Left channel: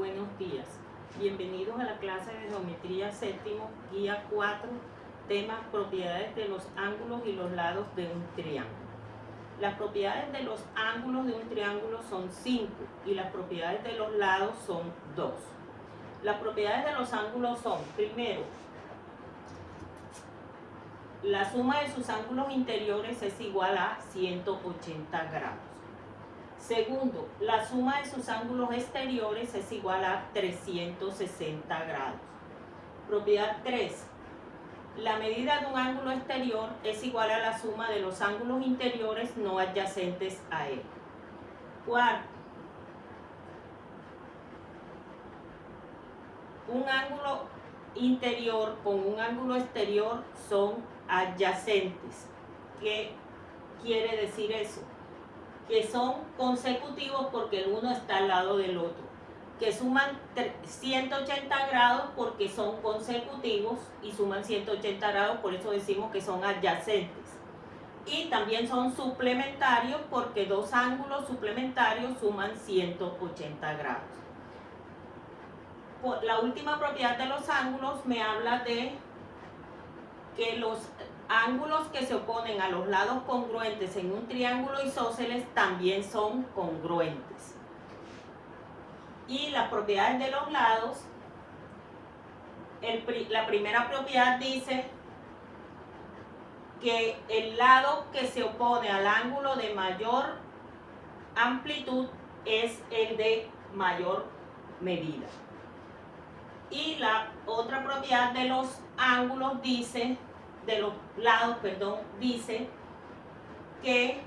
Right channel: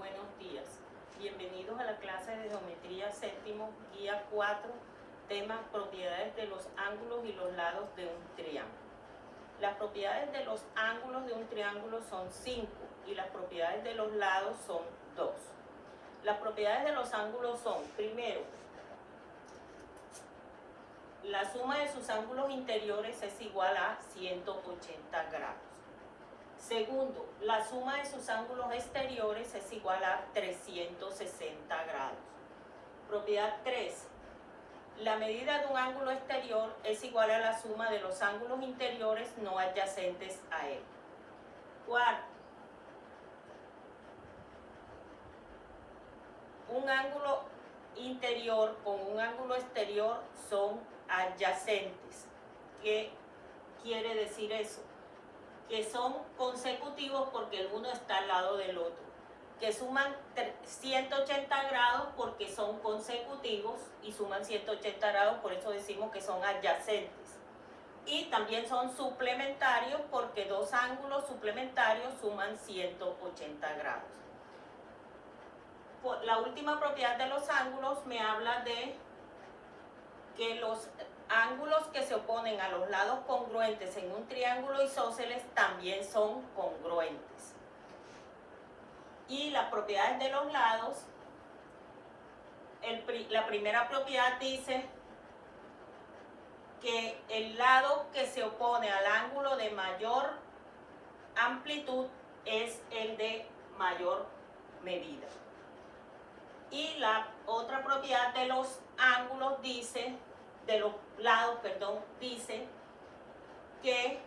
buenos días. Bienvenidos a la clase de geometría séptimo, guía 4, tema propiedades de los ángulos y los lados de un triángulo. Las propiedades de los ángulos de un triángulo son 5 y las propiedades de los lados son 2. Las propiedades de los ángulos son, primero, la suma de sus ángulos interiores es igual a 180 grados. Segundo, la suma de sus ángulos exteriores es igual a 360 grados. Propiedad 3. La medida de un ángulo exterior es igual a la suma de los ángulos interiores no adyacentes a él. Cuarto, un ángulo interior con un ángulo exterior son adyacentes. ¿Qué quiere decir eso? Que son consecutivos porque el uno está al lado del otro, que suman 180 grados porque son consecutivos y suman 180 grados, por eso decimos que son adyacentes. Y también son suplementarios porque dos ángulos suplementarios suman 180 grados. La última propiedad de los ángulos me habla de que los ángulos que se oponen a los lados congruentes en un triángulo isósceles también son congruentes. Y las propiedades de los lados, la primera propiedad dice que el lado que se opone al ángulo de mayor amplitud es el de mayor medida. Y la otra propiedad de los ángulos dice, de los lados, dice que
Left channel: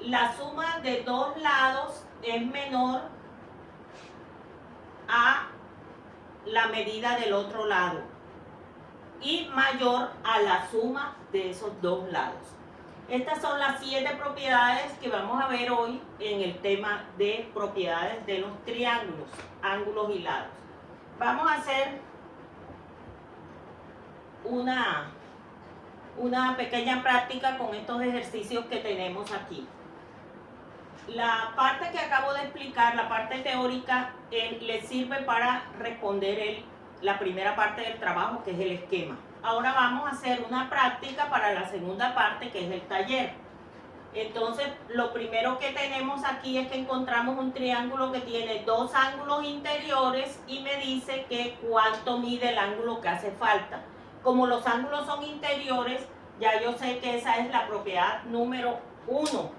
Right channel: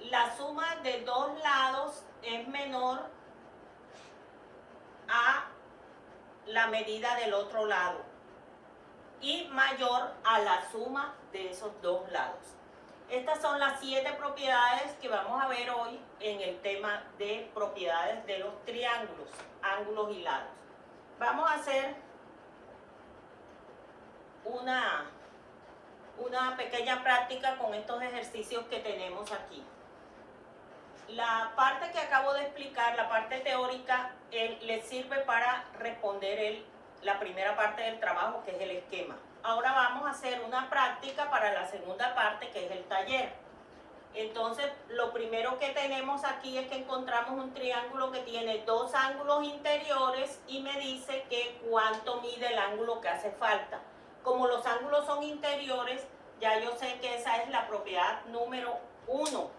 la suma de dos lados es menor a la medida del otro lado y mayor a la suma de esos dos lados. Estas son las 7 propiedades que vamos a ver hoy en el tema de propiedades de los triángulos, ángulos y lados. Vamos a hacer una pequeña práctica con estos ejercicios que tenemos aquí. La parte que acabo de explicar, la parte teórica, les sirve para responder la primera parte del trabajo, que es el esquema. Ahora vamos a hacer una práctica para la segunda parte, que es el taller. Entonces, lo primero que tenemos aquí es que encontramos un triángulo que tiene dos ángulos interiores y me dice que cuánto mide el ángulo que hace falta. Como los ángulos son interiores, ya yo sé que esa es la propiedad número 1,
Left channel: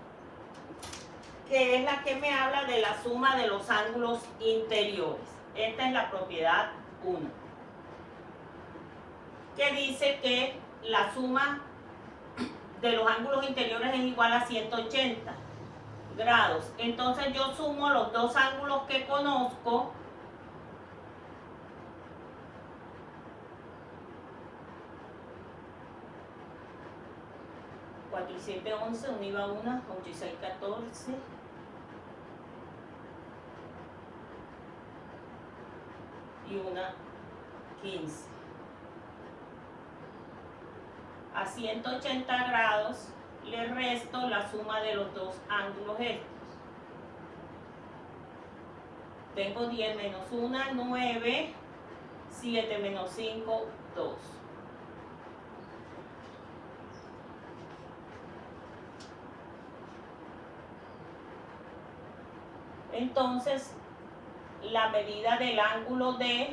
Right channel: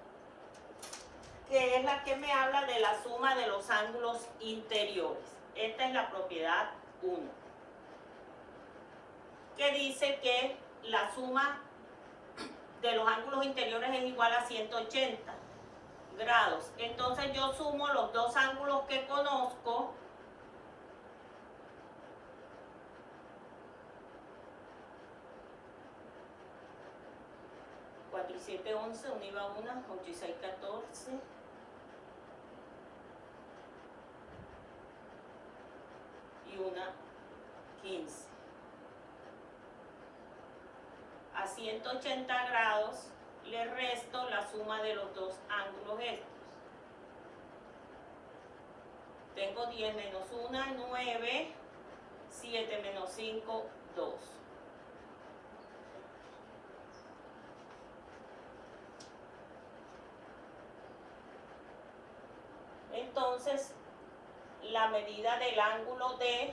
que es la que me habla de la suma de los ángulos interiores. Esta es la propiedad 1, que dice que la suma de los ángulos interiores es igual a 180 grados. Entonces yo sumo los dos ángulos que conozco. Y 7, 11, 1 iba 1, 8 y 6, 14. Y 1, 15. A 180 grados le resto la suma de los dos ángulos estos. Tengo 10 menos 1, 9, 7 menos 5, 2. Entonces, la medida del ángulo D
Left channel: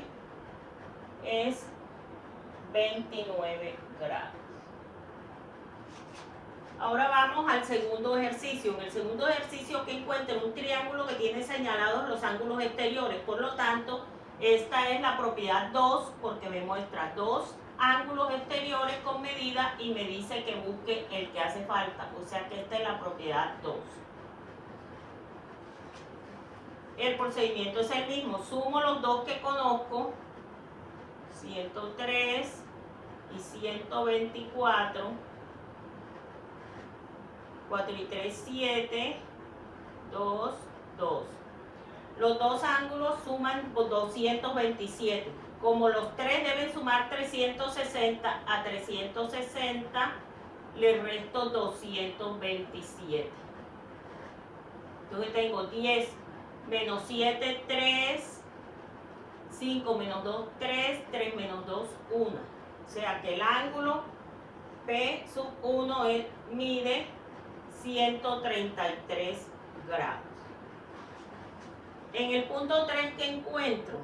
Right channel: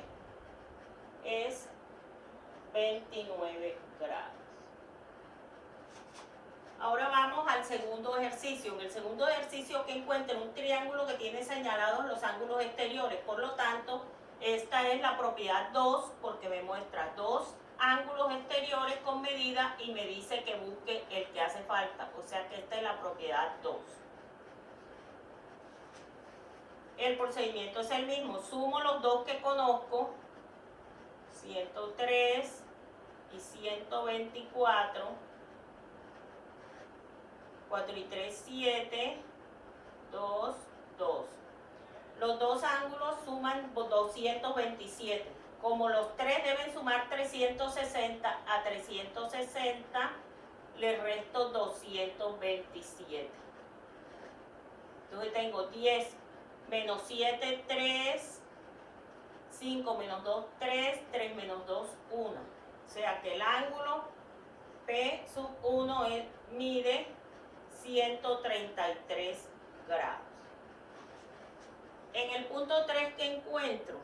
es 29 grados. Ahora vamos al segundo ejercicio. En el segundo ejercicio que encuentro un triángulo que tiene señalados los ángulos exteriores. Por lo tanto, esta es la propiedad 2 porque me muestra dos ángulos exteriores con medida y me dice que busque el que hace falta. O sea que esta es la propiedad 2. El procedimiento es el mismo. Sumo los dos que conozco, 103 y 124. 4 y 3, 7, 2, 2. Los dos ángulos suman 227. Como los tres deben sumar 360, a 360 le resto 227. Entonces tengo 10 menos 7, 3, 5 menos 2, 3, 3 menos 2, 1. O sea que el ángulo P sub 1 mide 133 grados. En el punto 3 que encuentro,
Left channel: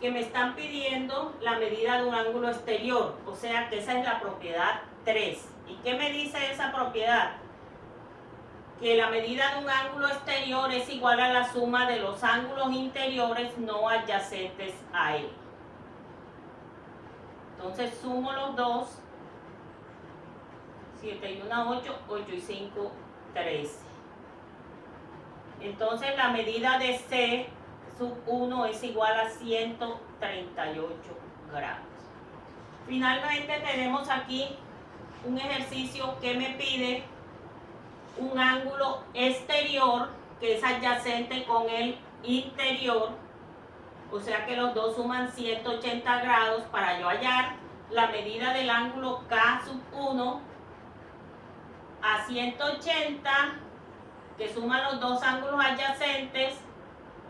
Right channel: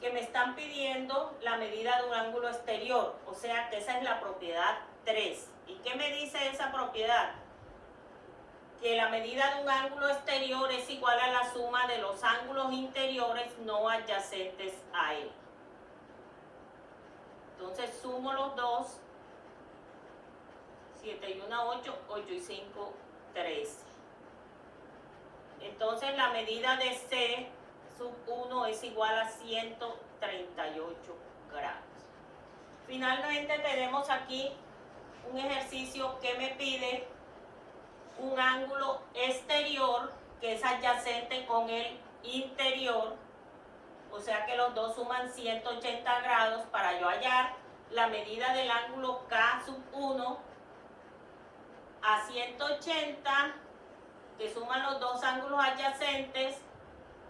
que me están pidiendo la medida de un ángulo exterior, o sea que esa es la propiedad 3. ¿Y qué me dice esa propiedad? Que la medida de un ángulo exterior es igual a la suma de los ángulos interiores no adyacentes a él. Entonces sumo los dos, 7 y 1, 8, 8 y 5, 13. Entonces la medida de C sub 1 es igual a 138 grados. Finalmente tenemos aquí un ejercicio que me pide un ángulo exterior que es adyacente con el interior, o sea que los dos suman 180 grados. Para yo hallar la medida del ángulo K sub 1 a 180, que suman los dos ángulos adyacentes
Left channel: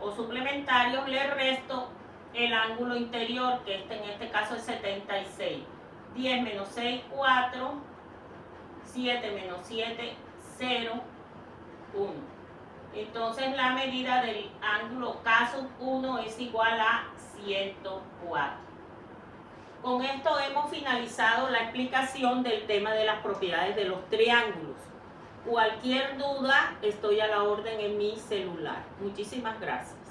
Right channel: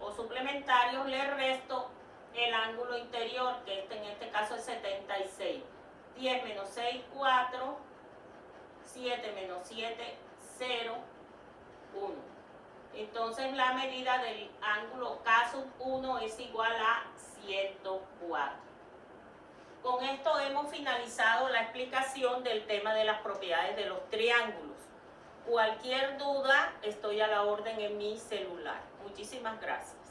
o suplementarios, le resto el ángulo interior, que en este caso es 76. 10 menos 6, 4, 7 menos 7, 0, 1. Entonces la medida del ángulo K sub 1 es igual a 104. Con esto hemos finalizado la explicación del tema de las propiedades de los triángulos. Cualquier duda, estoy a la orden en mi celular. Muchísimas gracias.